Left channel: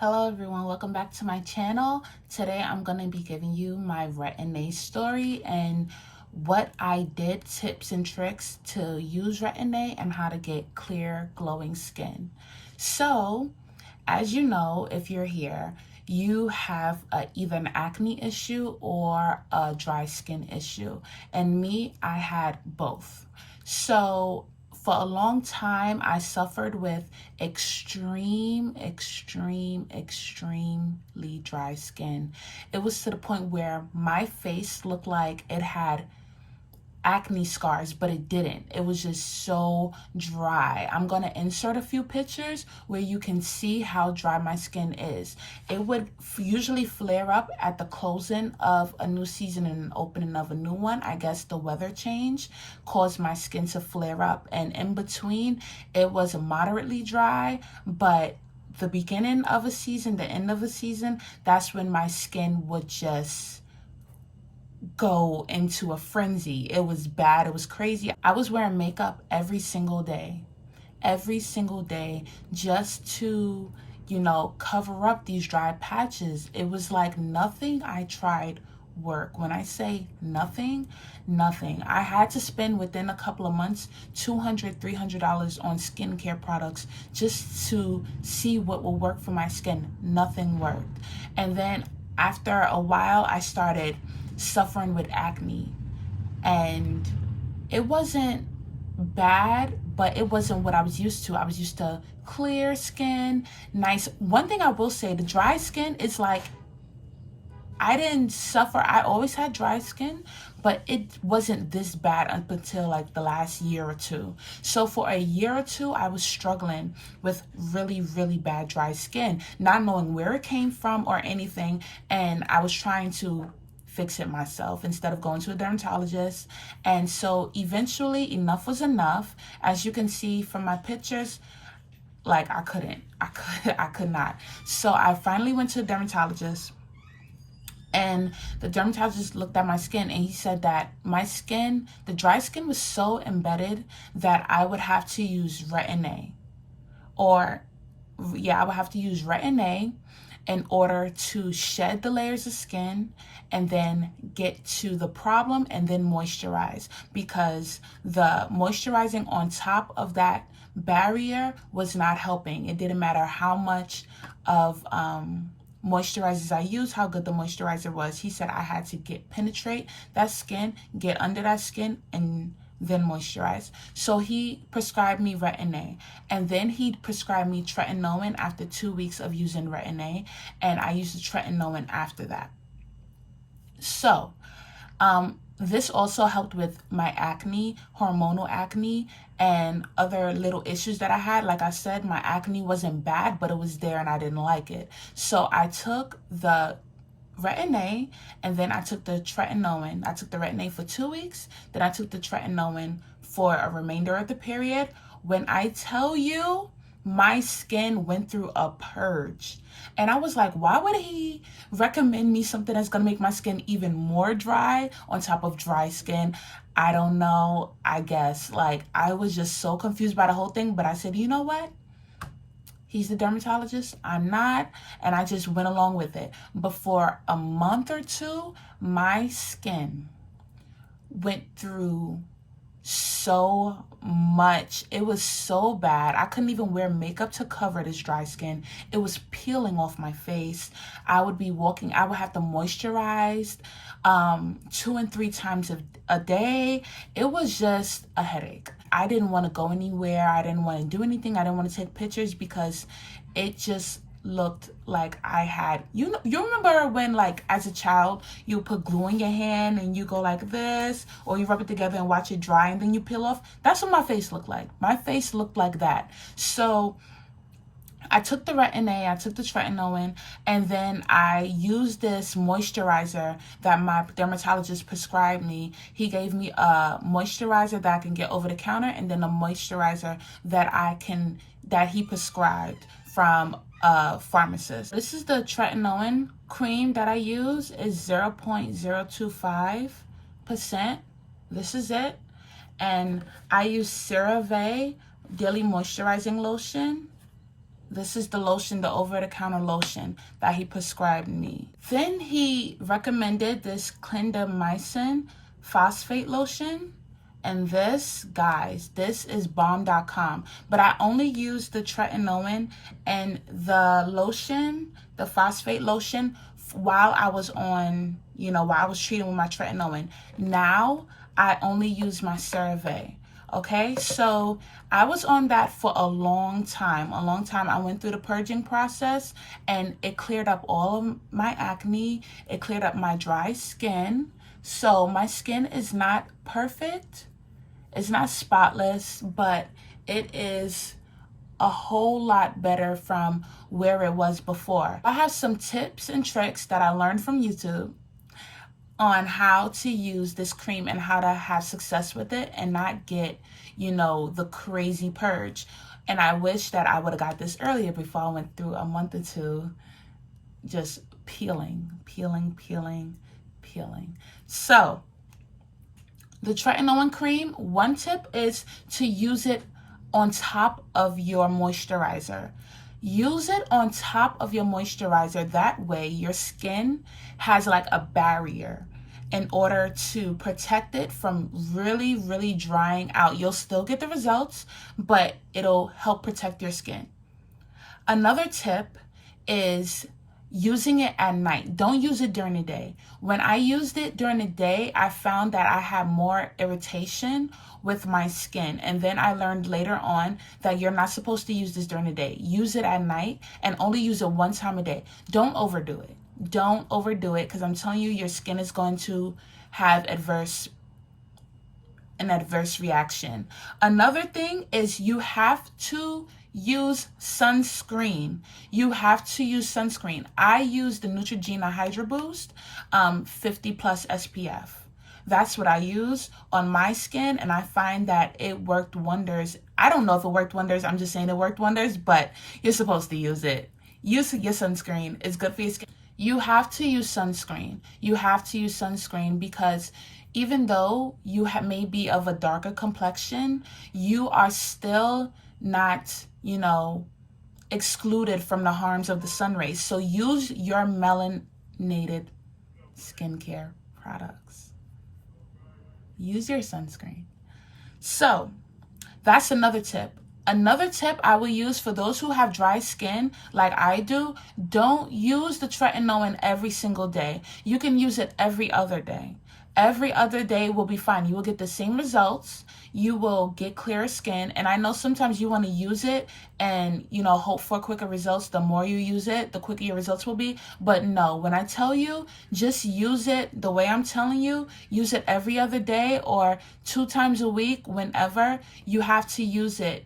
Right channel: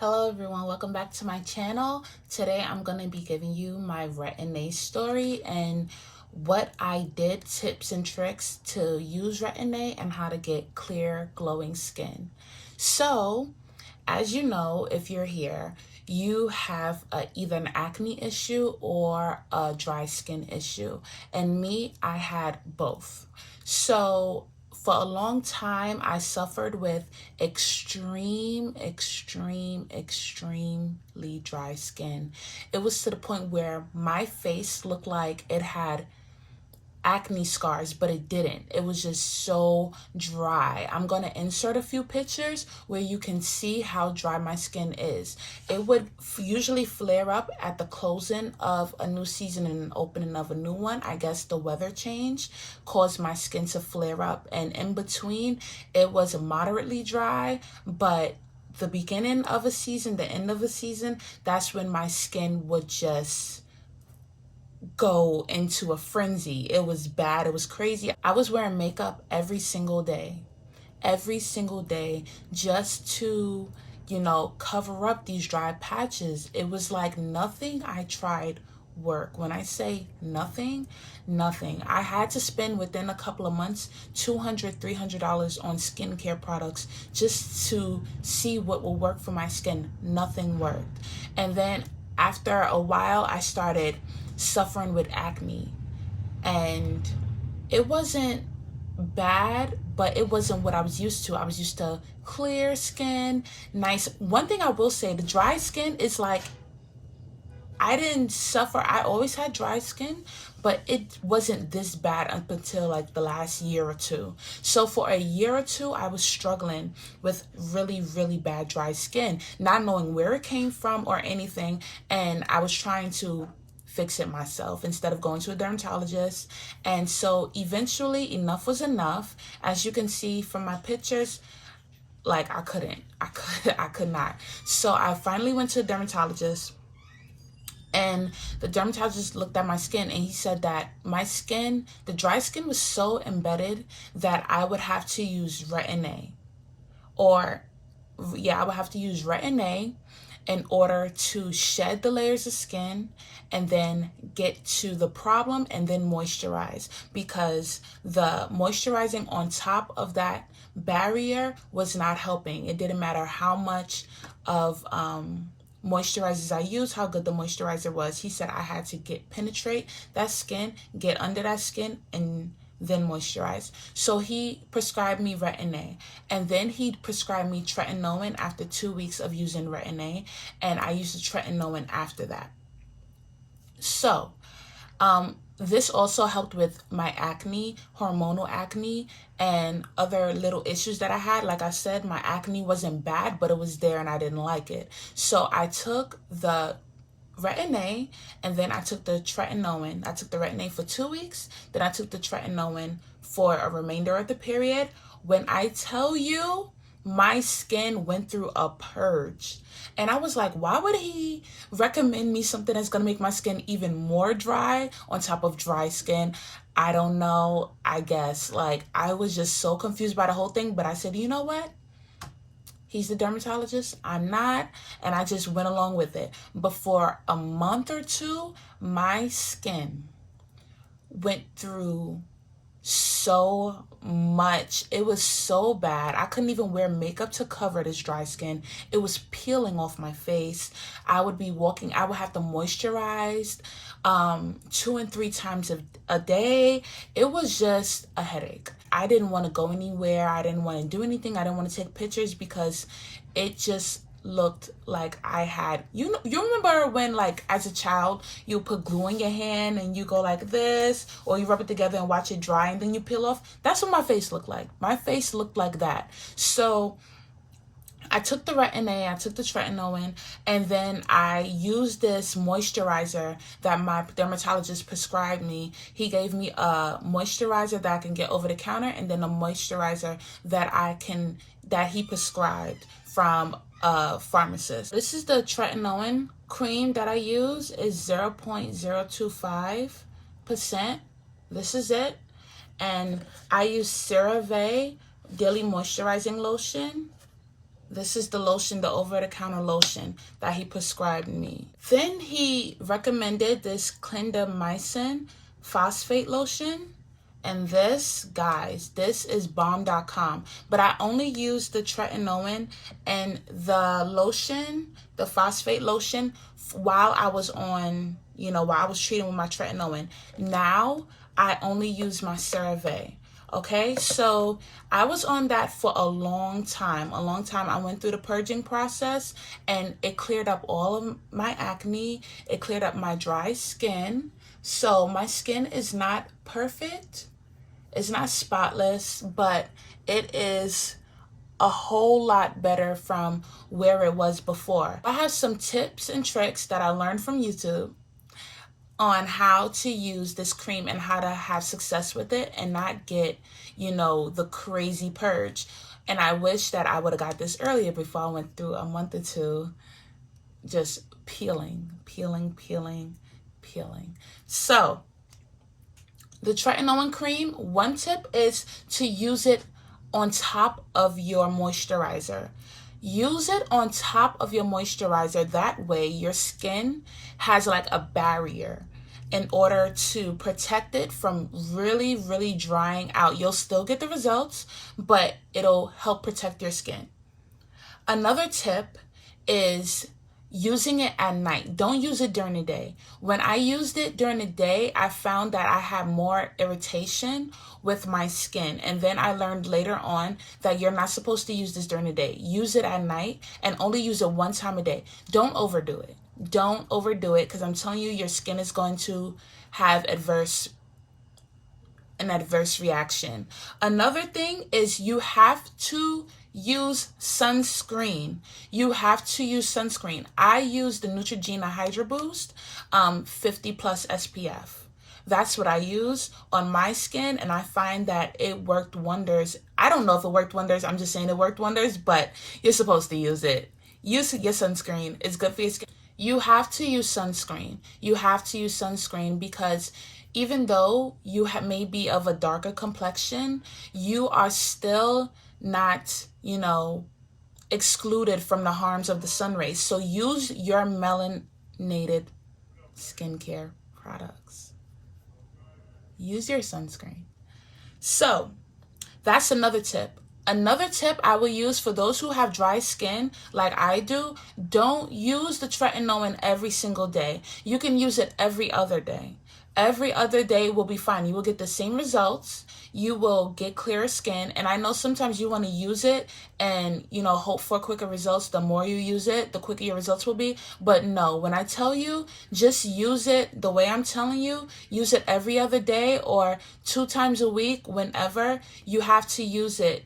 Hello everyone, welcome back to my channel. Today I'm going to be giving you my Retin story and what I did, tips and tricks to use Retin and how to get clear, glowing skin. So, as you know, if you're here, you have either an acne issue or a dry skin issue. And me, I had both. So for a long time, I suffered with extremely dry skin. It was to the point where my face looked like it had acne scars, but it didn't. It was just so dry. I'm going to insert a few pictures where you can see how dry my skin is. It would usually flare up at the closing of a new season and opening of a new one. I guess the weather change caused my skin to flare up, and in between it was moderately dry, but the beginning of a season, the end of a season, that's when my skin would just go into a frenzy. It was bad. It was crazy. I was wearing makeup every single day, just to, cover up these dry patches. It was like nothing I tried work. When I say nothing, I had to spend within a couple of months $200, $300 on skincare products just to see what will work for my skin. Nothing worked. And then after a while, I started suffering with acne, and it wasn't bad, but it wasn't what I was used to. I was used to clear skin, nice. One thing I will say, the dry skin is like, I didn't suffer. I always had dry skin, but it wasn't this bad up until like the last year or two. So for a year or two, I was struggling with really bad dry skin, not knowing where it came from or anything. And I was trying to fix it myself instead of going to a dermatologist. And so eventually enough was enough. As you can see from my pictures, like I could not. So I finally went to a dermatologist, and the dermatologist looked at my skin and he said that my skin, the dry skin, was so embedded that I would have to use Retin I would have to use Retin in order to shed the layers of skin and then get to the problem and then moisturize, because the moisturizing on top of that barrier was not helping. It didn't matter how much of moisturizers I used, how good the moisturizer was. He said I had to penetrate that skin, get under that skin, and then moisturize. So he prescribed me Retin, and then he prescribed me Tretinoin after 2 weeks of using Retin, and I used the Tretinoin after that. So this also helped with my acne, hormonal acne, and other little issues that I had. Like I said, my acne wasn't bad, but it was there and I didn't like it. So I took the Retin and then I took the Tretinoin. I took the Retin for 2 weeks, then I took the Tretinoin for a remainder of the period. When I tell you, my skin went through a purge. And I was like, why would he recommend me something that's going to make my skin even more dry on top of dry skin? I don't know. I guess, like, I was just so confused by the whole thing. But I said, you know what? He's the dermatologist, I'm not, and I just went along with it. But for a month or two, my skin went through so much. It was so bad. I couldn't even wear makeup to cover this dry skin. It was peeling off my face. I would be walking, I would have to moisturize 2 and 3 times a day. It was just a headache. I didn't want to go anywhere. I didn't want to do anything. I didn't want to take pictures because it just looked like I had, you remember when, like, as a child, you put glue in your hand and you go like this, or you rub it together and watch it dry and then you peel off? That's what my face looked like. My face looked like that. So I took the Retin, I took the Tretinoin, and then I used this moisturizer that my dermatologist prescribed me. He gave me a moisturizer that I can get over the counter, and then a moisturizer that he prescribed from a pharmacist. This is the Tretinoin cream that I use. Is 0.025%. This is it. And I use CeraVe Daily Moisturizing Lotion. This is the lotion, the over-the-counter lotion that he prescribed me. Then he recommended this clindamycin phosphate lotion. And this, guys, this is bomb.com. But I only used the tretinoin and the lotion, the phosphate lotion, while I was on, while I was treating with my tretinoin. Now, I only use my CeraVe. Okay, so I was on that for a long time. I went through the purging process and it cleared up all of my acne. It cleared up my dry skin. So my skin is not perfect. It's not spotless, but it is a whole lot better from where it was before. I have some tips and tricks that I learned from YouTube on how to use this cream and how to have success with it and not get, the crazy purge. And I wish that I would have got this earlier before I went through a month or two just peeling. So the tretinoin cream, one tip is to use it on top of your moisturizer. Use it on top of your moisturizer. That way your skin has like a barrier in order to protect it from really, really drying out. You'll still get the results, but it'll help protect your skin. Another tip is using it at night. Don't use it during the day. When I used it during the day, I found that I had more irritation with my skin. And then I learned later on that you're not supposed to use this during the day. Use it at night and only use it one time a day. Don't overdo it. Don't overdo it, because I'm telling you, your skin is going to have an adverse reaction. Another thing is you have to use sunscreen. You have to use sunscreen. I use the Neutrogena hydraboost 50 plus SPF. That's what I use on my skin, and I find that it worked wonders. I don't know if it worked wonders. I'm just saying it worked wonders, but you're supposed to use it. Use your sunscreen. It's good for your skin. You have to use sunscreen. You have to use sunscreen because even though you may be of a darker complexion, you are still not, excluded from the harms of the sun rays. So use your melanated skincare products. Use your sunscreen. So that's another tip. Another tip I will use for those who have dry skin like I do, don't use the tretinoin every single day. You can use it every other day. Every other day will be fine. You will get the same results. You will get clearer skin. And I know sometimes you want to use it and, hope for quicker results. The more you use it, the quicker your results will be. But no, when I tell you, just use it the way I'm telling you. Use it every other day or 2 times a week. Whenever you have to use it,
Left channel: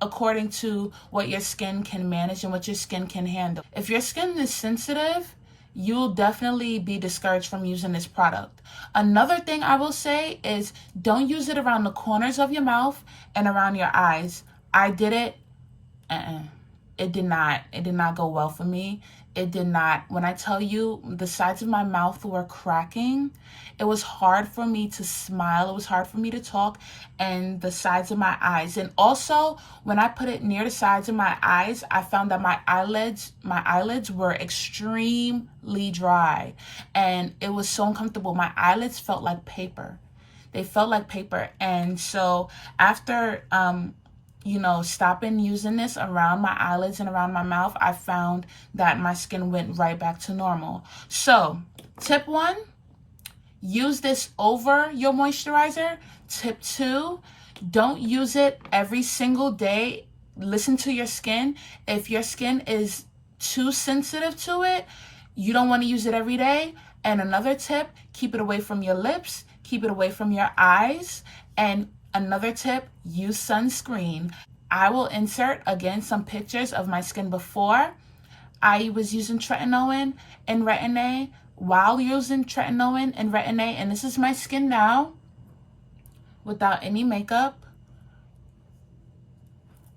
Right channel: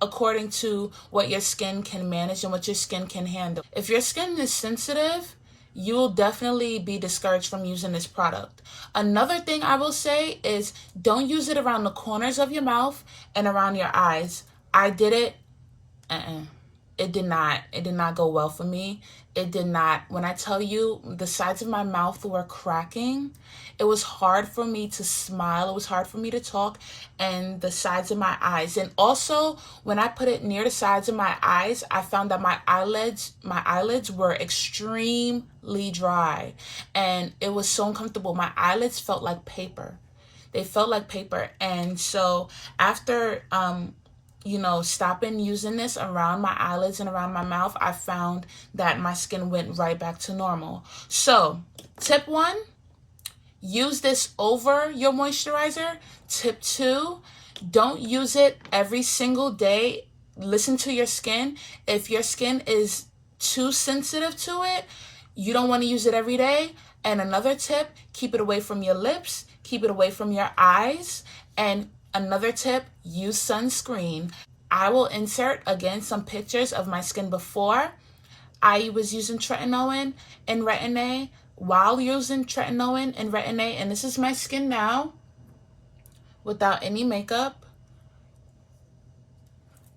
according to what your skin can manage and what your skin can handle. If your skin is sensitive, you will definitely be discouraged from using this product. Another thing I will say is don't use it around the corners of your mouth and around your eyes. I did it. It did not go well for me. It did not. When I tell you the sides of my mouth were cracking, it was hard for me to smile. It was hard for me to talk, and the sides of my eyes. And also when I put it near the sides of my eyes, I found that my eyelids were extremely dry, and it was so uncomfortable. My eyelids felt like paper. They felt like paper. And so after, stopping using this around my eyelids and around my mouth, I found that my skin went right back to normal. So tip 1, use this over your moisturizer. Tip 2, don't use it every single day. Listen to your skin. If your skin is too sensitive to it, you don't want to use it every day. And another tip, keep it away from your lips, keep it away from your eyes. And another tip, use sunscreen. I will insert again some pictures of my skin before I was using tretinoin and Retin, while using tretinoin and Retin, and this is my skin now without any makeup.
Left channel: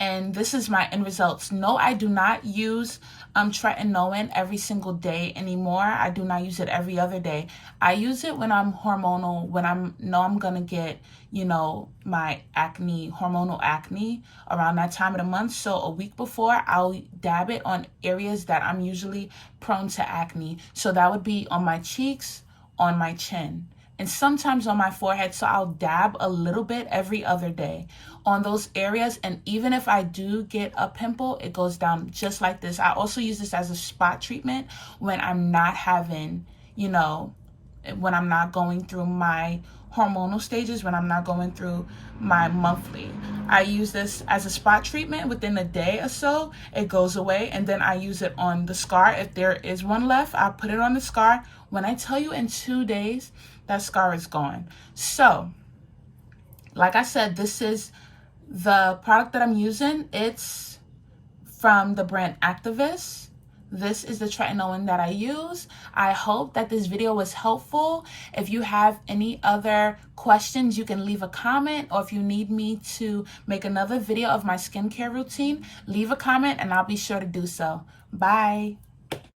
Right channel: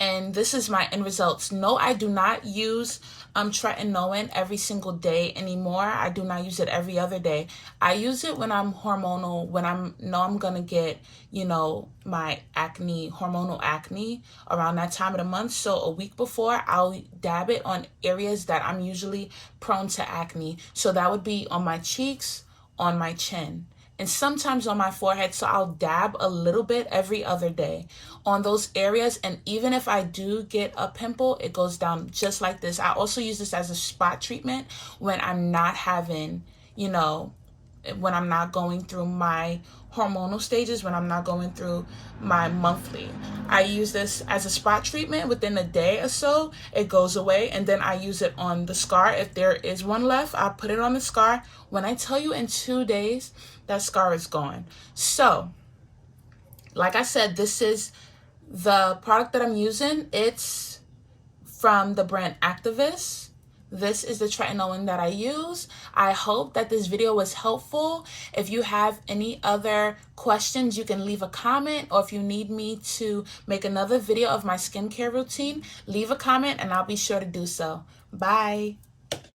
and this is my end results. No, I do not use tretinoin every single day anymore. I do not use it every other day. I use it when I'm hormonal, when I'm gonna get, you know, my acne, hormonal acne around that time of the month. So a week before, I'll dab it on areas that I'm usually prone to acne. So that would be on my cheeks, on my chin, and sometimes on my forehead. So I'll dab a little bit every other day on those areas. And even if I do get a pimple, it goes down just like this. I also use this as a spot treatment when I'm not having, you know, when I'm not going through my hormonal stages, when I'm not going through my monthly. I use this as a spot treatment. Within a day or so, it goes away, and then I use it on the scar. If there is one left, I put it on the scar. When I tell you in 2 days, that scar is gone. So, like I said, this is the product that I'm using. It's from the brand Activist. This is the tretinoin that I use. I hope that this video was helpful. If you have any other questions, you can leave a comment, or if you need me to make another video of my skincare routine, leave a comment and I'll be sure to do so. Bye.